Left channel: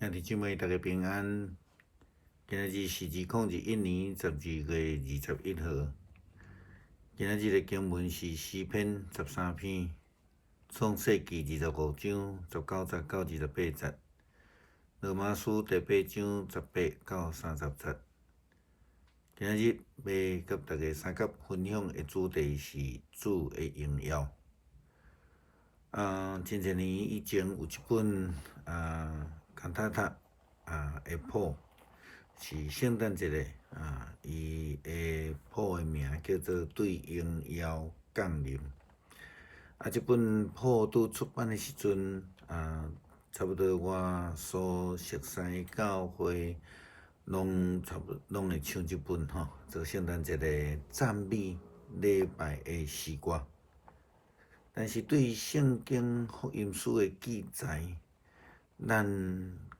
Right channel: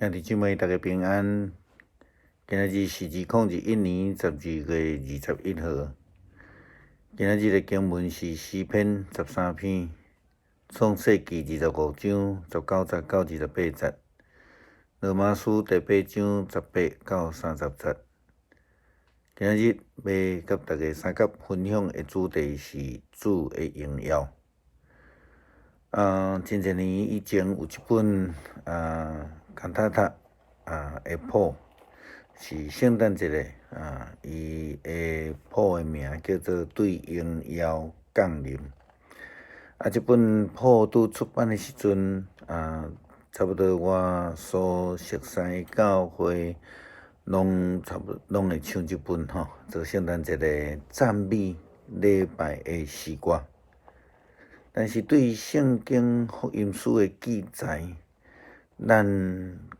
兄弟姊妹，大家平安。今仔日是2021年12月21号。今仔日的经文是诗篇13篇、创世纪25章19节到28节、罗马书第8章18到30节。今仔日要甲大家三角分享的主题是主的荣耀。真侪年以前有一本康塔塔的谱，是圣诞节的伊的谱的名叫做《对荣耀降临》。这本谱拄出版的时阵，差不多我所熟悉的教会，拢会唱这本做圣诞节的赞美礼拜的诗歌。但是对圣经福音书的记载，咱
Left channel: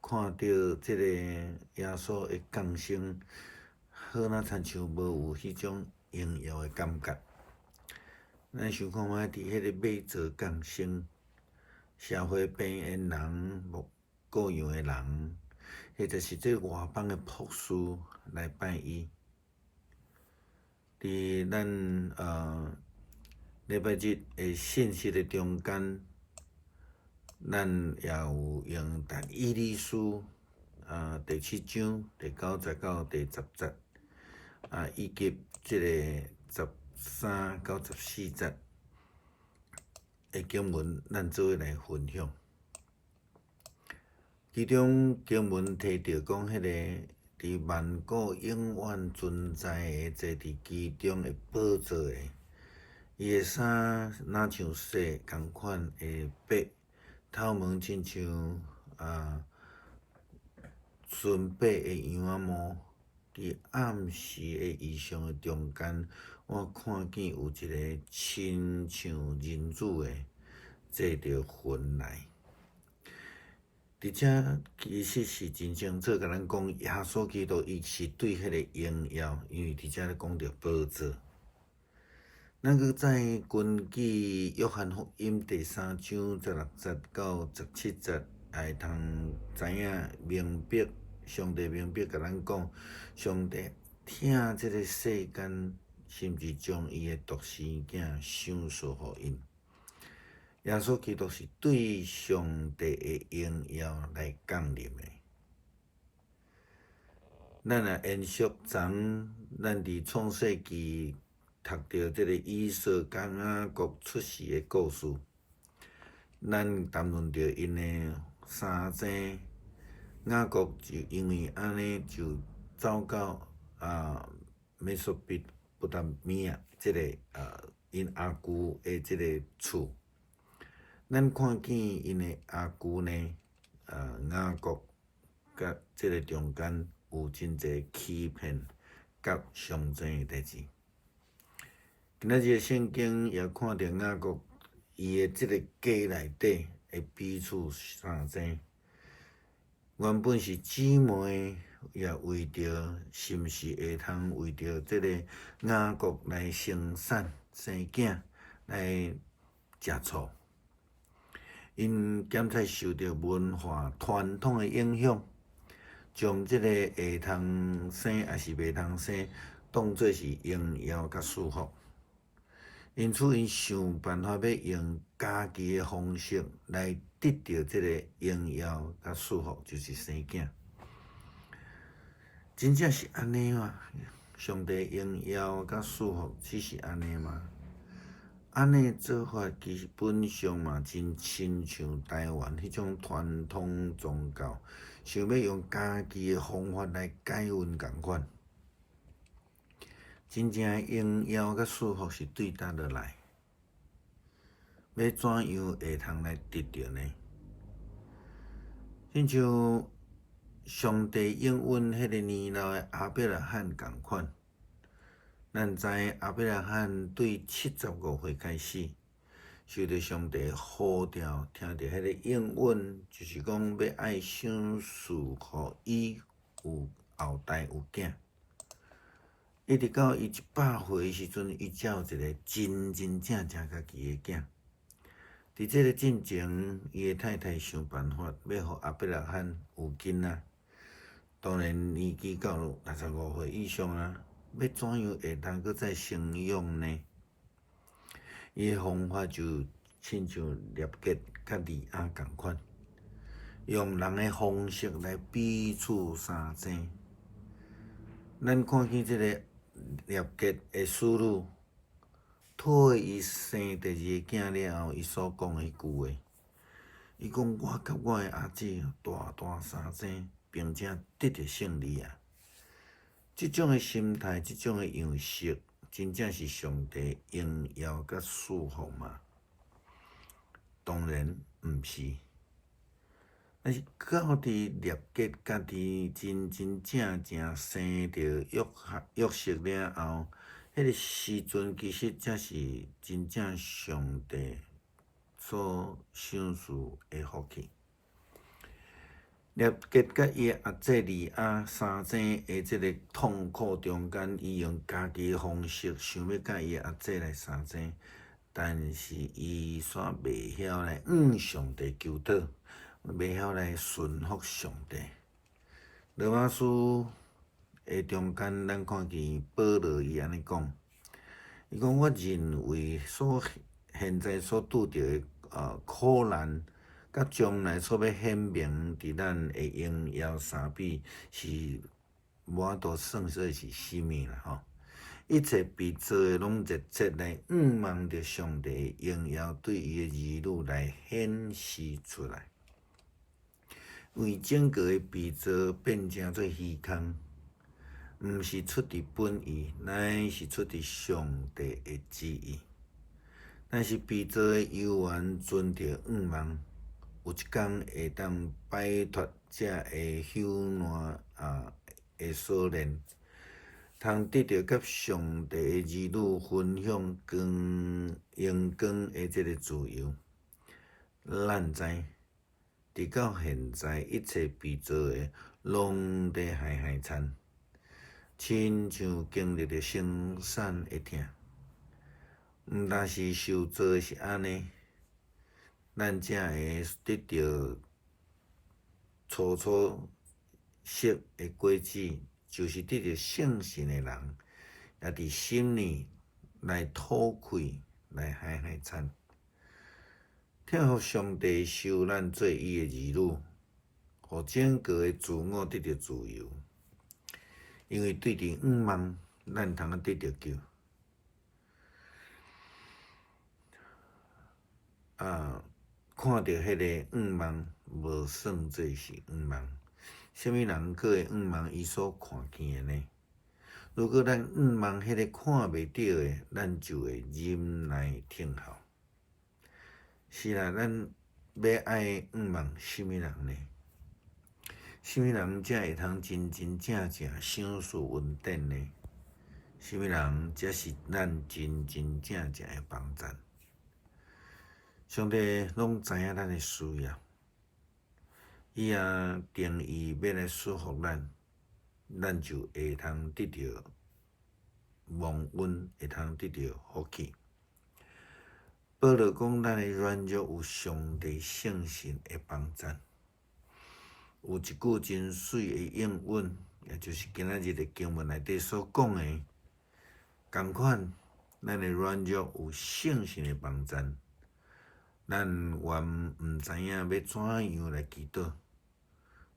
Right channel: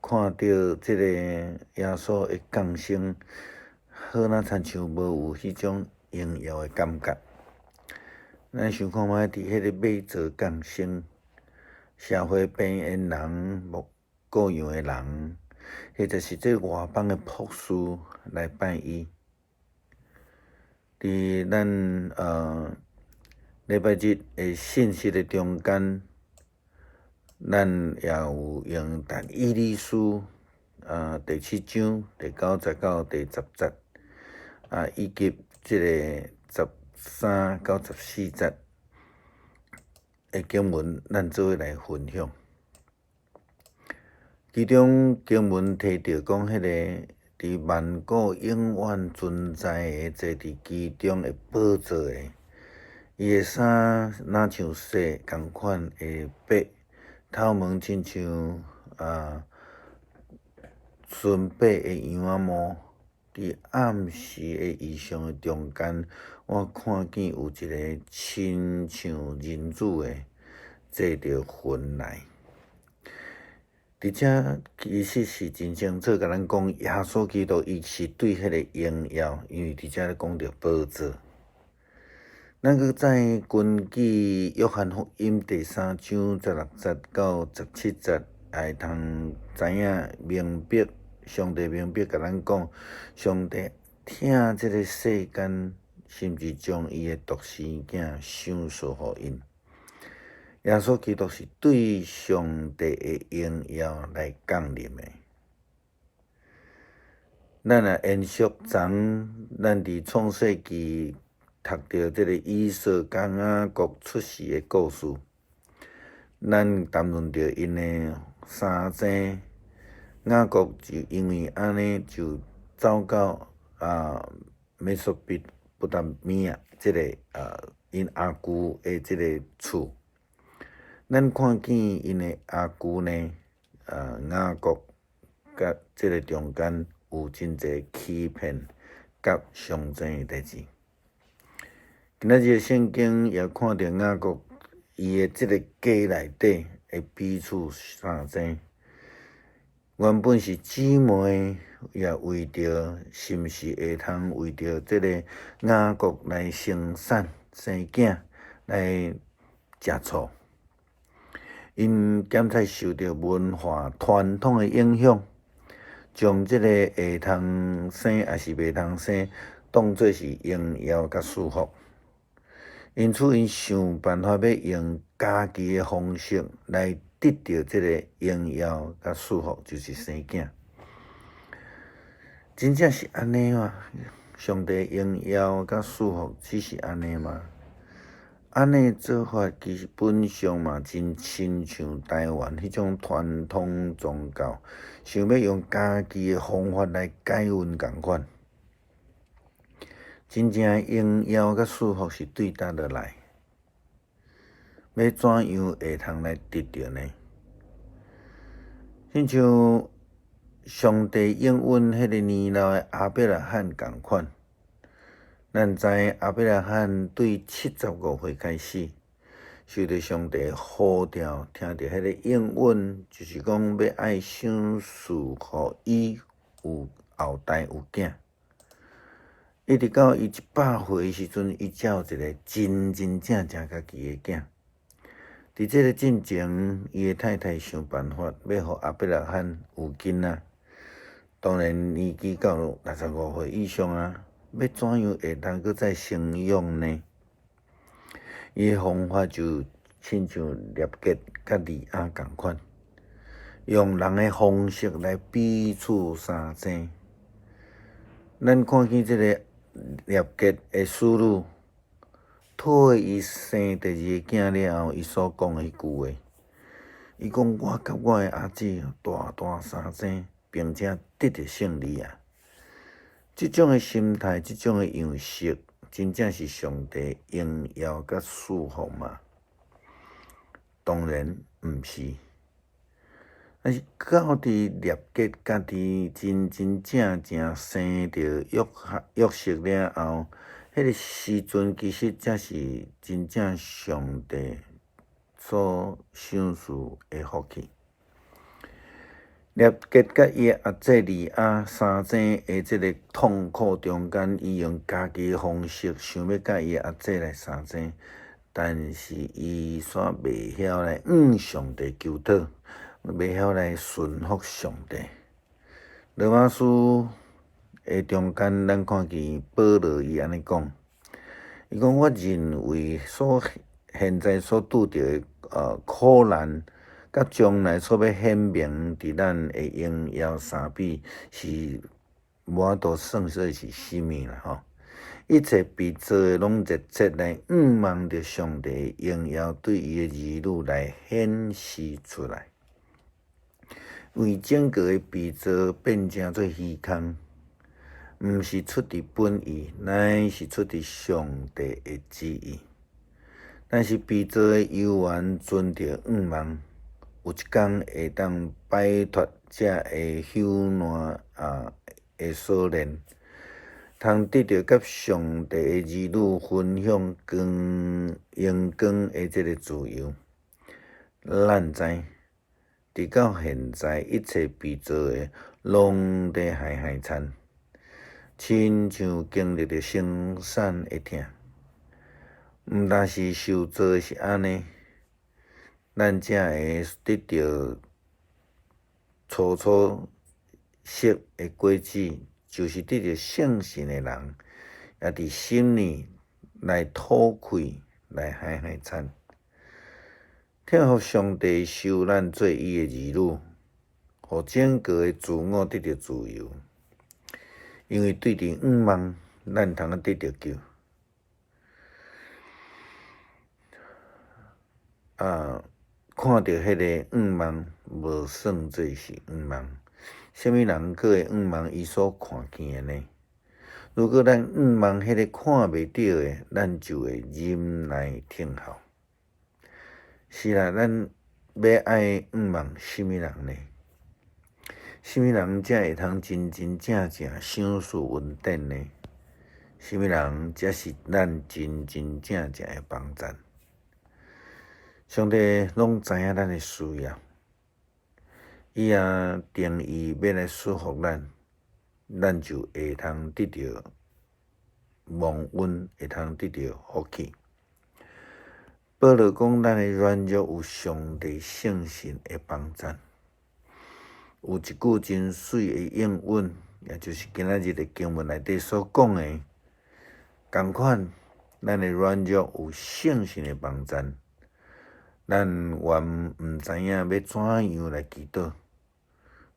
看到这个耶稣的降生，好那亲像无有迄种荣耀的感觉。咱想看觅，伫迄个马座降生，社会边缘人、无各样的人，或者是这外邦的博士来拜伊。伫咱礼拜日的信息的中间，咱也有用读以利书第7章第9节到第10节以及这个13到14节的经文，咱做伙来分享。其中经文提到讲，迄个伫万古永远存在的坐伫其中的宝座的。伊的衫若像雪共款的白，头毛亲像纯白的羊仔毛。伫暗时的异象的中间，我看见有一个亲像人子的坐着云来。伫遮其实是真清楚甲咱讲，耶稣基督伊是对迄个荣耀，因为伫遮讲到宝座。咱搁再根据约翰福音第3章16节到17节，也会通知影明白，上帝明白甲咱讲，上帝疼这个世间，甚至将伊的独生囝赏赐予因。耶稣基督是对上帝的荣耀来降临的。咱也延续昨咱伫创世纪读到这个以扫甲雅各出世的故事，咱谈论到因的三姐，雅各就因为安尼就走到美索不达米亚这个因阿舅的这个厝。咱看见因的阿舅呢，雅各甲这个中间有真侪欺骗甲相争的代志。今仔日圣经也看到雅各伊的这个家内底的彼此相争，原本是姊妹，也为着是毋是会通为着这个雅各来生产生囝来食醋。因检采受到文化传统的影响，将这个会通生还是袂通生，当作是荣耀甲束缚。因此，因想办法要用家己的方式来得到这个荣耀甲束缚，就是生囝。真正是安尼吗？上帝荣耀甲束缚只是安尼吗？安尼做法基本上嘛，真亲像台湾迄种传统宗教，想要用家己的方法来解阮共款。真正荣耀甲束缚是对倒落来，要怎样会通来得到呢？亲像上帝应允迄个年老的亚伯拉罕共款。咱知亚伯拉罕对75岁开始，受到上帝呼召，听到迄个应允，就是讲要爱赏赐予伊有后代有囝。一直到伊100岁的时阵，伊才有一个真正家己的囝。伫即个进前，伊诶太太想办法要互阿伯拉罕有囡仔，当然年纪到65岁以上啊，要怎样会当搁再生养呢？伊诶方法就亲像列结甲利亚共款，用人诶方式来彼此相争。咱看见即个列结诶思路，讨伊生第二个囝了后，伊所讲诶迄句话，伊讲我甲我诶阿姊大大相争，并且得着胜利啊！即种诶心态，即种诶样式，真正是上帝荣耀甲祝福嘛？当然毋是。但是到伫列结家己真正生着约瑟了后，迄个时阵其实才是真正上帝所赏赐诶福气。列结甲伊诶阿姊利亚相争诶即个痛苦中间，伊用家己诶方式想要甲伊诶阿姊来相争，但是伊煞袂晓来向上帝求讨。袂晓来顺服上帝。罗马书诶中间，咱看见保罗伊安尼讲，伊讲我认为现在所拄着诶苦难，甲将来所要显明伫咱诶荣耀相比，是无法度算说是啥物啦吼。一切被造诶拢热切来仰望着上帝诶荣耀，对伊诶儿女来显示出来。为整个诶被造变成做虚空，毋是出伫本意，乃是出伫上帝诶旨意。但是被造诶有缘存着仰望，有一天会当摆脱这个朽烂诶锁链，通得到甲上帝诶儿女分享阳光诶即个自由。咱知。直到现在，一切被造诶，拢在海惨，亲像经历着生产诶痛。毋但是受造诶是安尼，咱才会得到初识诶果子，就是得到圣神诶人，也伫心里来吐气，来海惨。听互上帝收咱做伊诶儿女，互整个诶自我得到自由。因为对伫仰望，咱通得到救。看到迄个仰望，无算做是仰望。什么人可会仰望伊所看见诶呢？如果咱仰望迄个看袂到诶，咱就会忍耐听候。是啦，咱要爱仰望什么人呢？什么人才会通真正赏赐稳定呢？什么人才是咱真正诶帮赞？上帝拢知影咱诶需要，伊也定义要来祝福咱，咱就会通得到蒙恩，会通得到福气。保罗讲，咱诶软弱有上帝圣神诶帮赞。有一句真水诶应允，也就是今仔日诶经文内底所讲诶，同款，咱诶软弱有圣神诶帮赞。咱原毋知影要怎样来祈祷，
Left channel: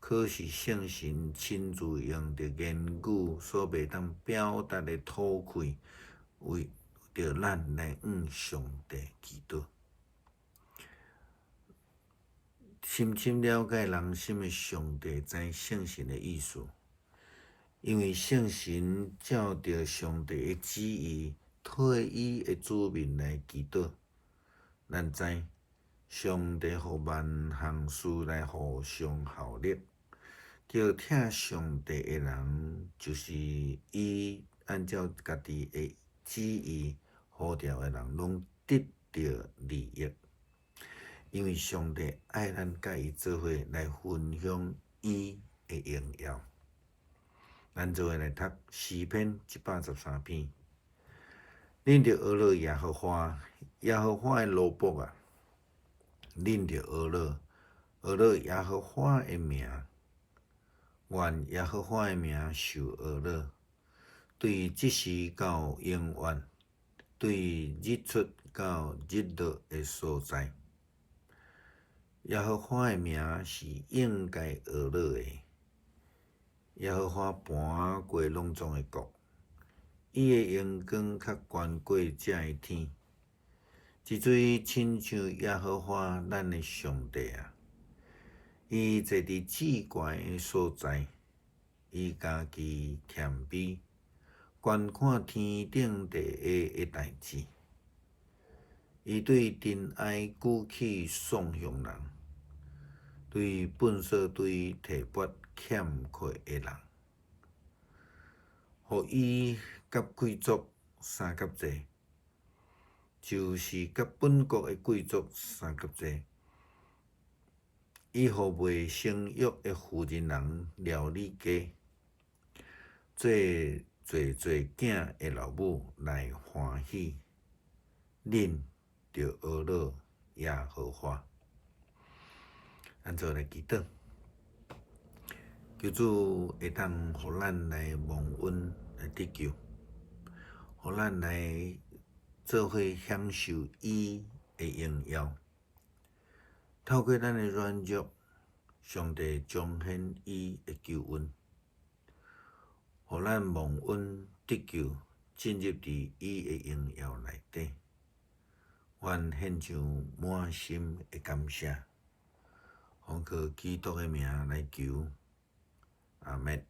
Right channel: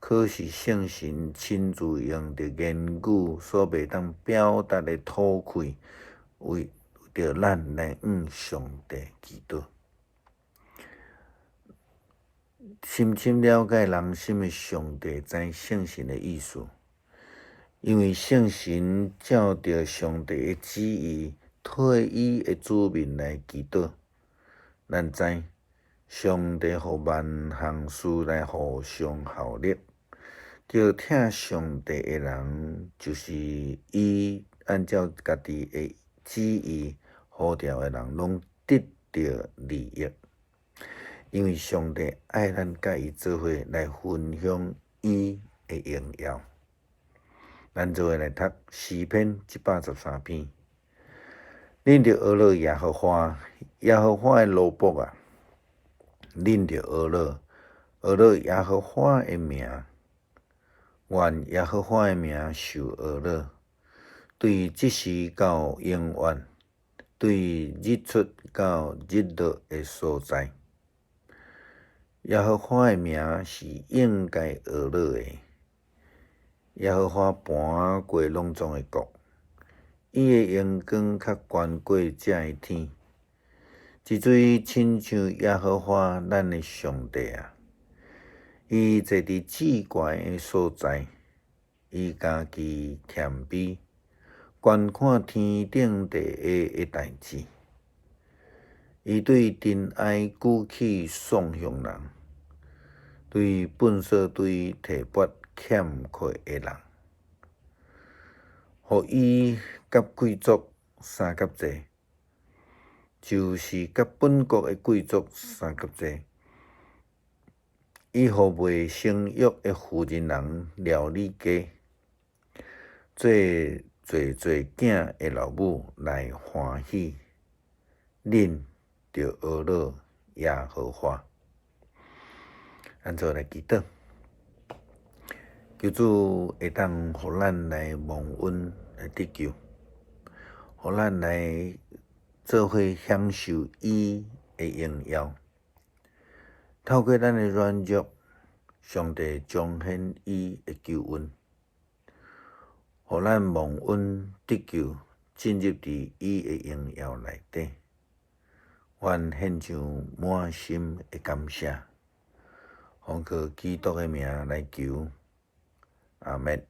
可是圣神亲自用着言语所袂当表达诶吐气，为着咱来向上帝祈祷。深深了解人心诶上帝知圣神诶意思，因为圣神照着上帝诶旨意，替伊诶子民来祈祷。咱知上帝互万项事来互相效力，叫听上帝诶人，就是伊按照家己诶旨意呼召诶人，拢得到利益。因为上帝爱咱甲伊做伙来分享伊诶荣耀。咱做伙来读诗篇113篇。恁着学了耶和华诶奴仆啊，恁着学乐，学乐耶和华的名，愿耶和华的名受学乐，对即时到永远，对日出到日落的所在。耶和华的名是应该学乐的。耶和华盘过隆重的国，伊的阳光较悬过遮的天。即水亲像耶和华咱的上帝啊！伊坐伫至悬的所在，伊家己谦卑，观看天顶地下的代志。伊对尘埃举起爽向人，对粪扫堆提拔欠缺的人，互伊甲贵族相甲济，就是甲本国的贵族相甲济。伊互未生育的妇人人料理家，做囝的老母来欢喜。恁着学乐耶和华。咱做来祈祷，求主会当互咱来蒙恩来得救，互咱来做伙享受伊的荣耀。透过咱的软弱，上帝彰显伊的救恩，互咱蒙恩得救，进入伫伊的荣耀内底。愿献上满心的感谢，奉靠基督的名来求，阿们。